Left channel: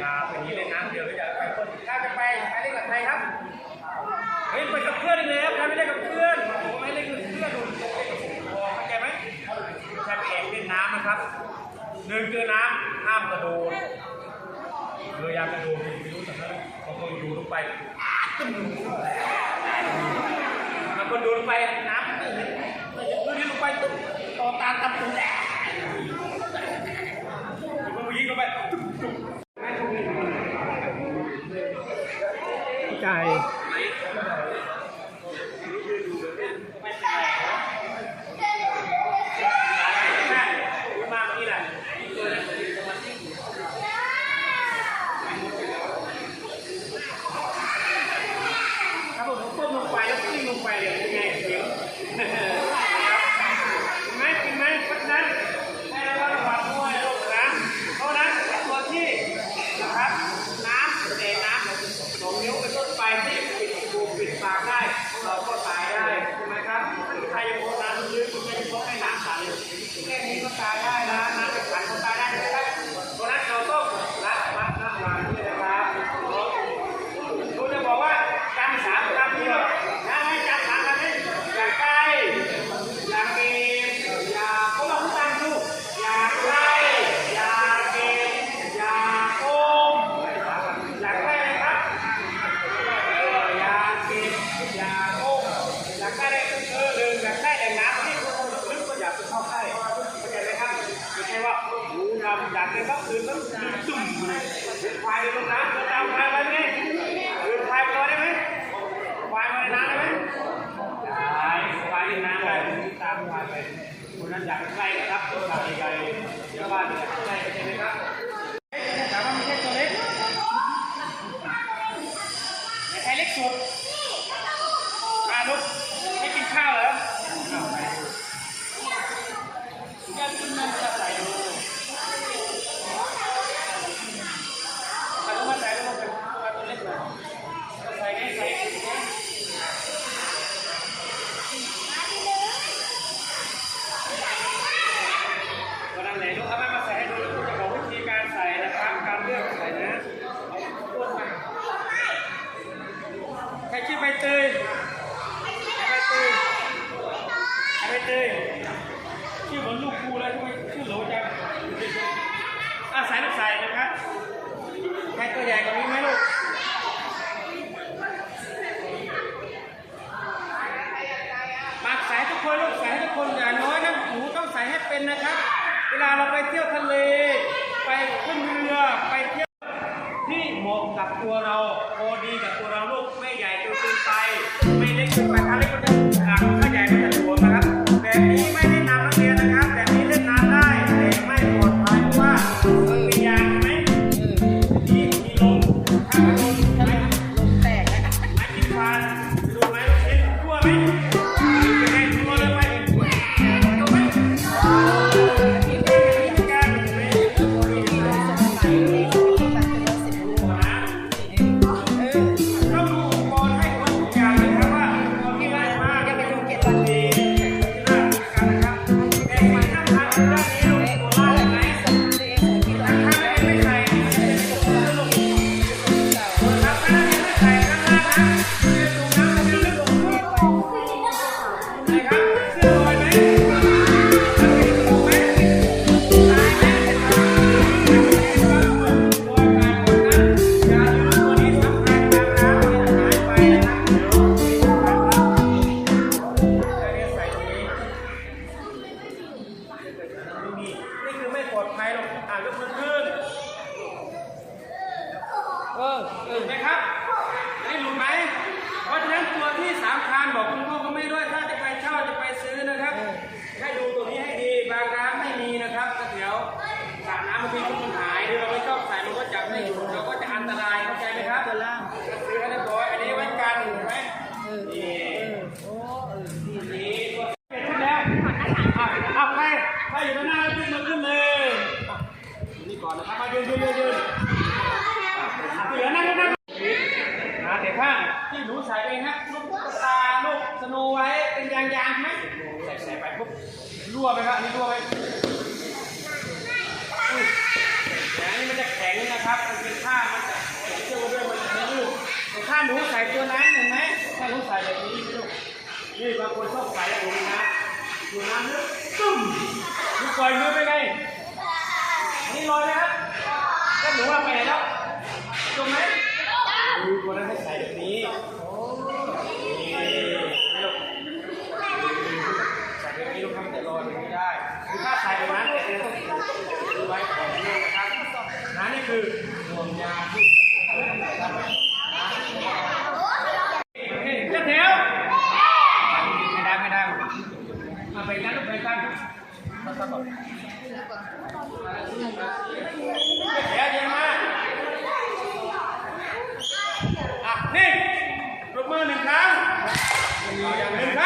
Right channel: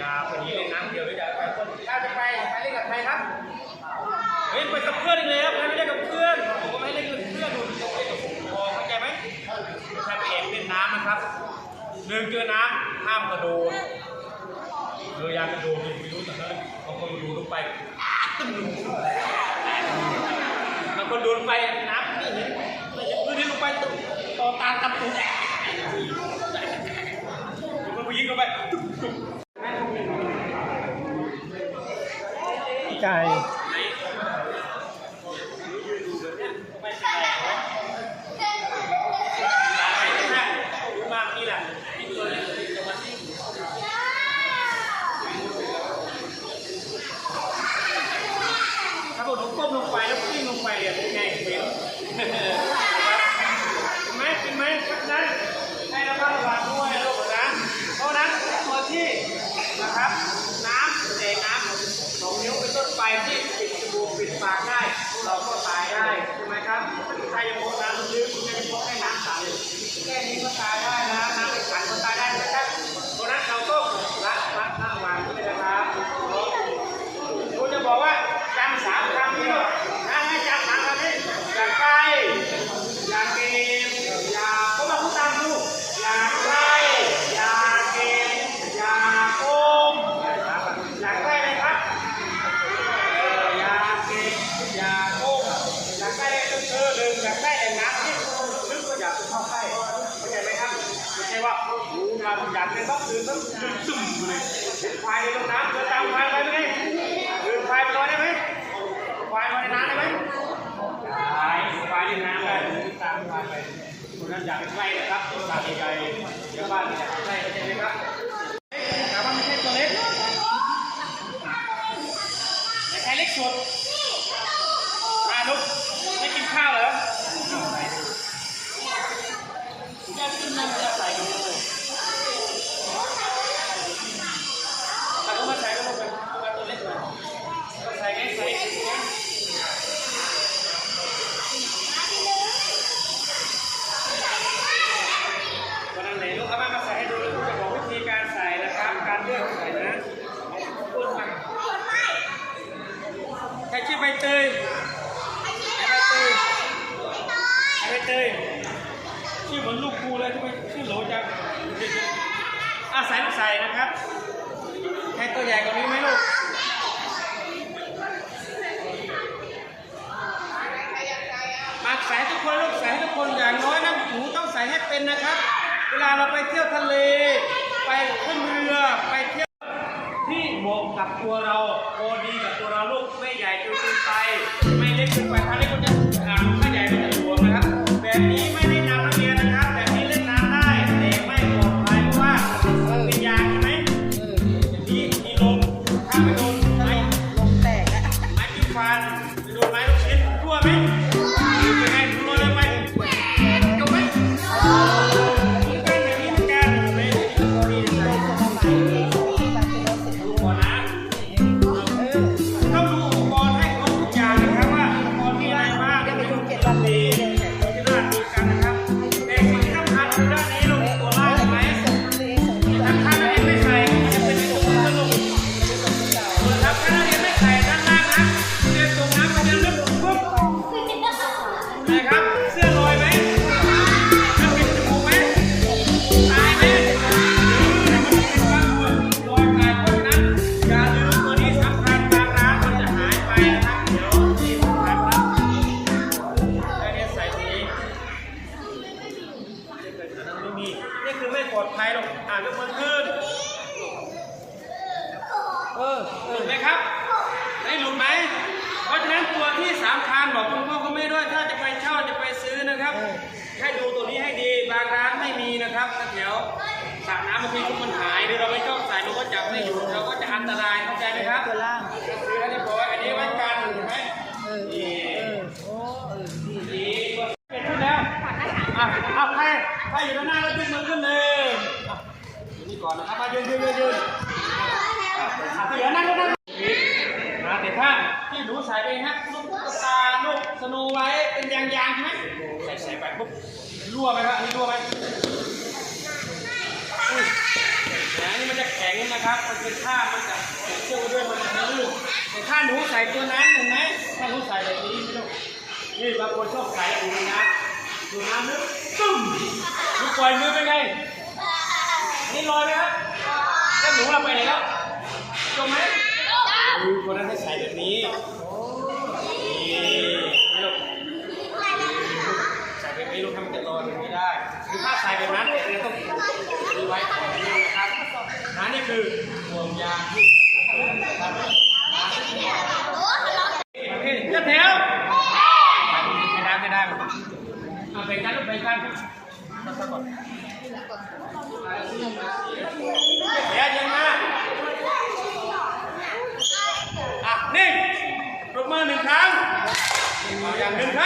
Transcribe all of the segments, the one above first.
จะไปนี้เล่นน้ำเดียวหรือจะไปคนถ้าจะไปไปเล่นกับใครครับเฮ้ยไปกับเพื่อนอีกแล้วใครไม่เล่นกับเพื่อนผมก็ไม่เล่นกับเพื่อนดูต้องเล่นกับผมพอเข้าใจไหมใครไปแอบเล่นน้ำนะครับเดินเจอน้ำห้ามกระโดดเอออยากกระโดดไม่รู้แต่นั้นบางคนกระโดดลงไปตึ้มลงบางคนโดดลงไปน้ำไม่เห็นไม่เห็นพื้นที่ลงไปตึ้มต่อตากับตุ้มแอบมันผู้หญิงลงไปตึ้มตึ้ม ไก่ มาเมื่อกี้แหละถ้าผมก้มลงไปแล้วกิ้งลงไปเนี่ยเป็นไงเสียงเห็นไหมเห็นไหมเพราะฉะนั้นให้ระมัดระวังด้วยลูกนะเพราะฉะนั้นตัวที่นะค รับน้ำเศษน้ำสองนิ้วเป็นต้นไปที่ปิดจมูกปิดปากได้ เราก็ตายได้ใช่ไหมครับใครยังโคน้ำลึกคุณจะยังพกให้น้ำขังอยู่แค่นี้ก็ตายได้นะน้ำไม่ขังก็ตายได้นะครับเพราะนั้นเราต้องรักรักระวังด้วยนะครับเราจะบอกว่าการสามคำนี้เนาะ อยากไปใกล้นะครับตากใกลๆเดี๋ยวบ้านอยากไปใกล้เข้าใจไหมครับ เตยชื่อเหมือนลูกครูเลยทำไมชื่อโหลจังอะใส่ลูกใส่นะครับใครตัวใหญ่กว่านี้ไหมลูกปากใส่ทุกคนลูกใส่ให้ทุกคนอย่างน้อยนะหนูต้องใส่ให้เป็นนะครับ เวลาเราไปเที่ยวทะเล ไปขึ้นเรือไปเที่ยวที่เหมาะกับตัวเราพอดีกับตัวเราลูกไม่ใหญ่จนเกินไป ไม่เล็กเกินไปถ้าเล็กก็จะอ่าถ้าใหญ่ก็จะหลวมนะครับ แบบนี้ไม่ได้ บางทีมันหายหรือเราไม่ชอบใส่มันก็จับไม่อยู่เราก็จะอันตรายเข้าใจไหมครับซื้อให้เรียบร้อยอันนี้ไว้กันเห็นไหมนี่เออโอ้เออดีดีเป็นขึ้นแล้วอะอะใครใครอยู่ด้านหน้าแล้วยกมือขึ้นเลยอะนี่ก่อนนะครับมายืนยืนยืนยืนอะอะเดี๋ยวนั่งนั่งนะเดี๋ยวข้างที่หนูใส่ไปฮะลูกตุ๊กตาลูกสโนไว้เป็นยางยางใช่ไหมใส่ใส่ไปปุ๊บรั่วไหมครับนี่รั่วไหม อุ้ยนะนี่มันจะแข็งนะครับ มันเป็นผ้ามันจะผมเชื่อว่าด้วยมันจะลื่นแต่ถ้าหนูใส่ตัวนั้นเห็นไหมถ้าหนูใส่แบบนี้ไม่รู้นี่บางคนชอบใส่อยู่ในน้ำอยู่น้ำลึกตึ้มหนูปล่อยมือไปไงอันนี้ลอยไหมครับแล้วหนูเอาไปไหนแล้วจมไหมดูตัวนั้นให้ใส่แบบนี้นี่ไม่ลูกใส่แบบนี้ลูกทำแต่รอแบบนี้ได้คือถ้าใส่แบบนั้นเนี่ยต้องดูไว้ก่อนนี่นะครับนั่นนี่ คือห่วงยางที่จัดแถวไม่ได้ไม่ได้เอาไปกันลูกไปกันตัดตัดก่อนจัดแถวยอะมาอะนิ่ปรบมือหนึ่งครั้งอย่างหนึ่งครั้ง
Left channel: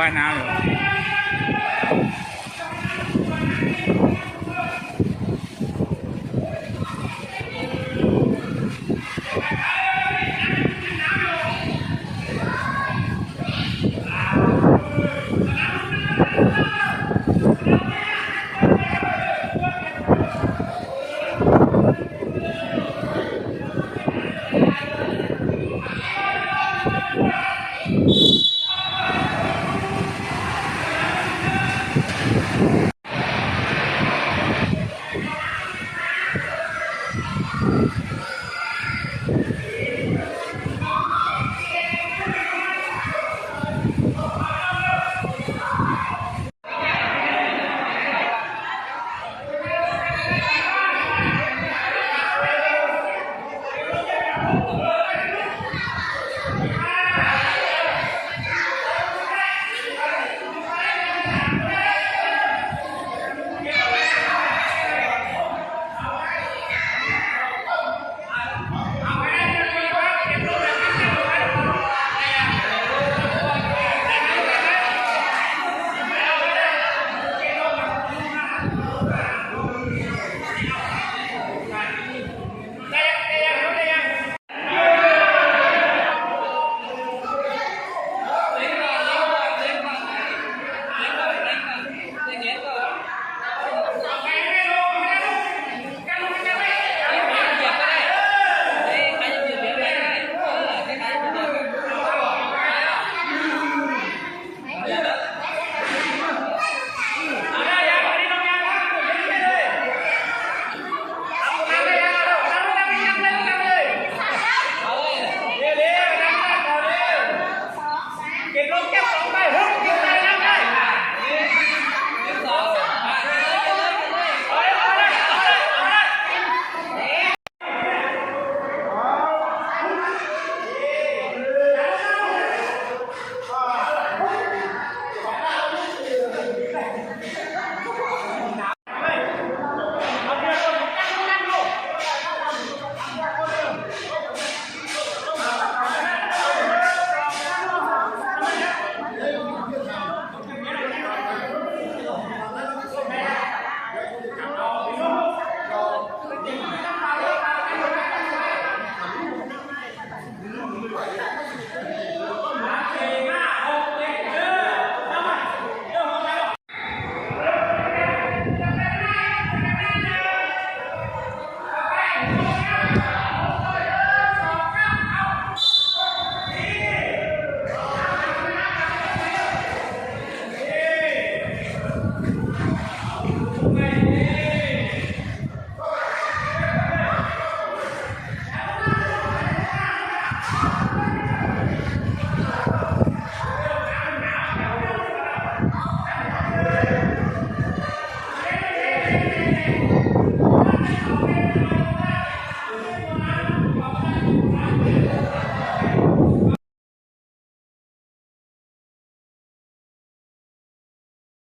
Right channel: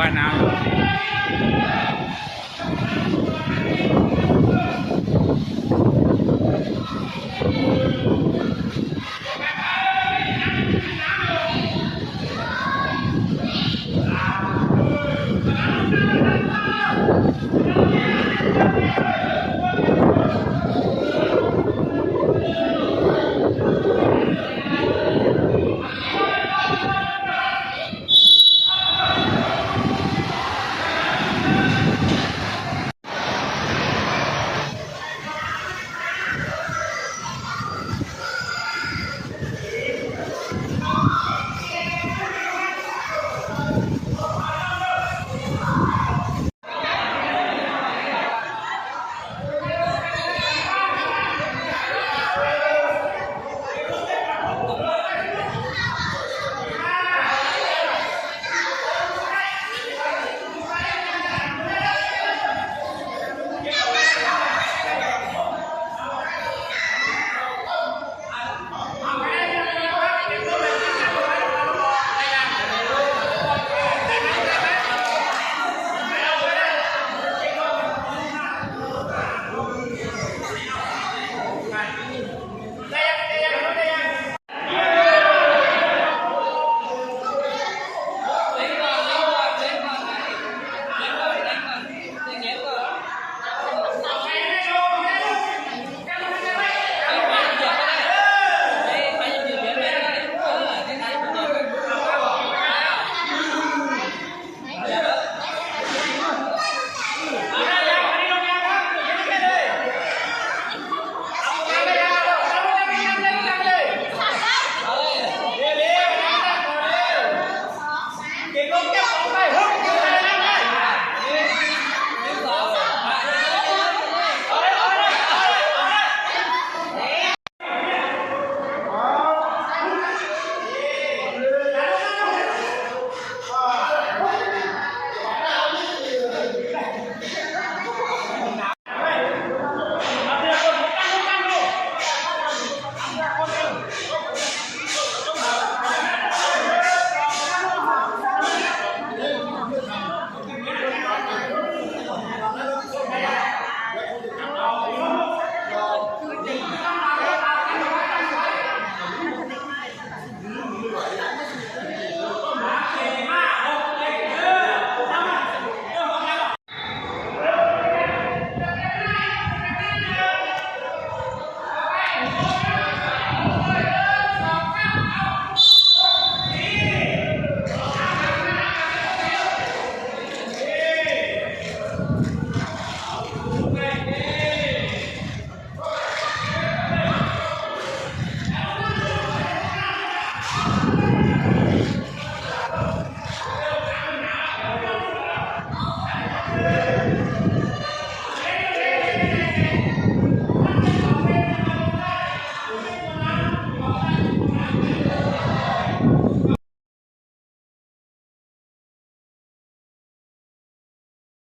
જોવાના આવ્યો tener